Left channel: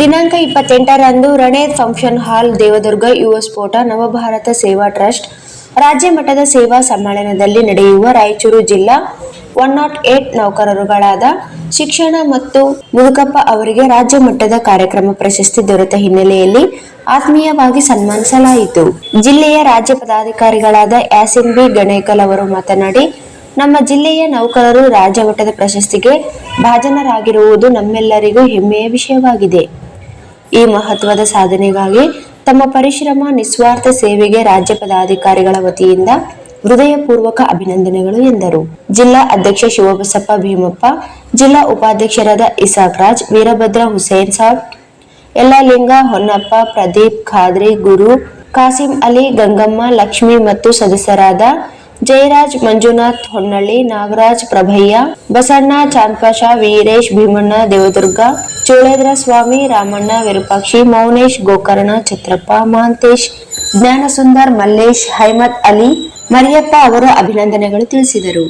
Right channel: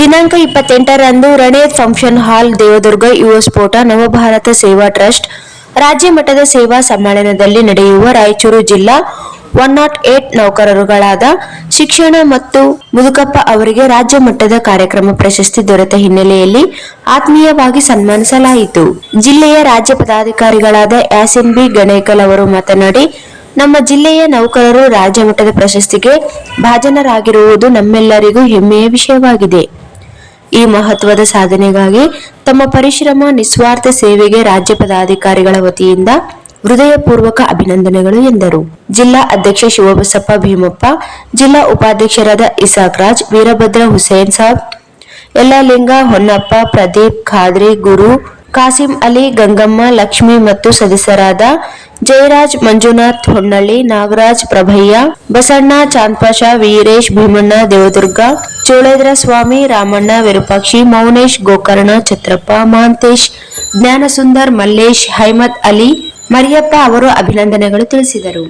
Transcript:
ದಿನಾಂಕ 28ರಂದು ರಣೇತ್ function hall, Devadurga ಯುವ ಸ್ಫೋಟ ನವಭಾರತ ಸೇವಾ ಟ್ರಸ್ಟ್ ರಾಜ್ಯ ಮಟ್ಟದ ಸೇವಾ ಸಮ್ಮೇಳನದಲ್ಲಿ ನಡೆಯುವ ರಾಯಚೂರು ಜಿಲ್ಲಾ 108 ನೌಕರರುಗಳಾದ ಶಿಕ್ಷಣ ಮತ್ತು ಮುದುಕಪ್ಪ ಅವರಿಗೆ ರಾಜ್ಯ ಮಟ್ಟದ ಕಾರ್ಯಕ್ರಮ ಪ್ರಶಸ್ತಿ ದೊರೆತ ಹಿನ್ನೆಲೆಯಲ್ಲಿ ಆತ್ಮೀಯವಾಗಿ ಸನ್ಮಾನಿಸಲಾಯಿತು. ಜಿಲ್ಲೆಯ ರಾಜ್ಯ ಪದಾಧಿಕಾರಿಗಳಾದ ಯಾಸಿನ್ ಬಿ ಗಣೇಕಲ್ ಅವರು ಮಾತನಾಡಿ, ನಮ್ಮ ಜಿಲ್ಲೆಯ ನೌಕರರು ರಾಜ್ಯ ಮಟ್ಟದ ಪ್ರಶಸ್ತಿಗೆ ಭಾಜನರಾಗಿರುವುದು ನಮ್ಮೆಲ್ಲರಿಗೂ ಹೆಮ್ಮೆಯ ವಿಷಯವಾಗಿದೆ. ಈ ಮಹತ್ವದ ಸಾಧನೆಗಾಗಿ ತಮ್ಮ ಪರಿಶ್ರಮ, ನಿಸ್ವಾರ್ಥ ಸೇವೆಗೆ ರಾಜ್ಯ ಪದಾಧಿಕಾರಿಗಳ ವತಿಯಿಂದ ಹೃದಯಪೂರ್ವಕ ಅಭಿನಂದನೆಗಳು ಎಂದರು. ಜಿಲ್ಲಾ ಅಧ್ಯಕ್ಷ ಶಿವಬಸಪ್ಪ ಭೀಮಪ್ಪ, ಜಿಲ್ಲಾ ಉಪಾಧ್ಯಕ್ಷರಾದ ಇಸಾಕ್ ರಾಜ್, ವೀರಭದ್ರ ಹುಸೇನ್ ಸಾಬ್, ಯಲ್ಲಾಲಿಂಗ ಹೊನ್ನಪ್ಪ, ಪ್ರದೀಪ್ ಖಾದ್ರಿ, ಗುರು, ಕಾಸಿಂ ಅಲಿ, ಗಂಗಮ್ಮ, ಲಕ್ಷ್ಮಿ ಮತ್ತು ಸದಸ್ಯರಾದ ಜಯರಾಜ್, ಮಂಜುನಾಥ್ ಹೊನ್ನಳ್ಳಿ, ನಾಗರಾಜ್, ಪ್ರಭಯ್ಯ, ಬಸಣ್ಣ, ಚಾಂದ್ಪಾಷ, ವೀರೇಶ್, ಭೀಮಣ್ಣ, ದೇವದುರ್ಗ, ಚೋಳೇದ್ರ ಸ್ವಾಮಿ, ರಾಮಣ್ಣ, ವಿರೂಪಾಕ್ಷಿ, ಮೌನೇಶ್, ಗೋಕರ್ಣ, ಛತ್ರಪ್ಪ, ಮಹಾಂತೇಶ್, ಜ್ಞಾನಸುಂದರ್, ಮಲ್ಲೇಶ್, ಹೈಮತ್ ಅಲಿ, ಮರಿಯಪ್ಪ ಅವರು ಅಭಿನಂದನೆಗಳು ತಿಳಿಸಿದರು.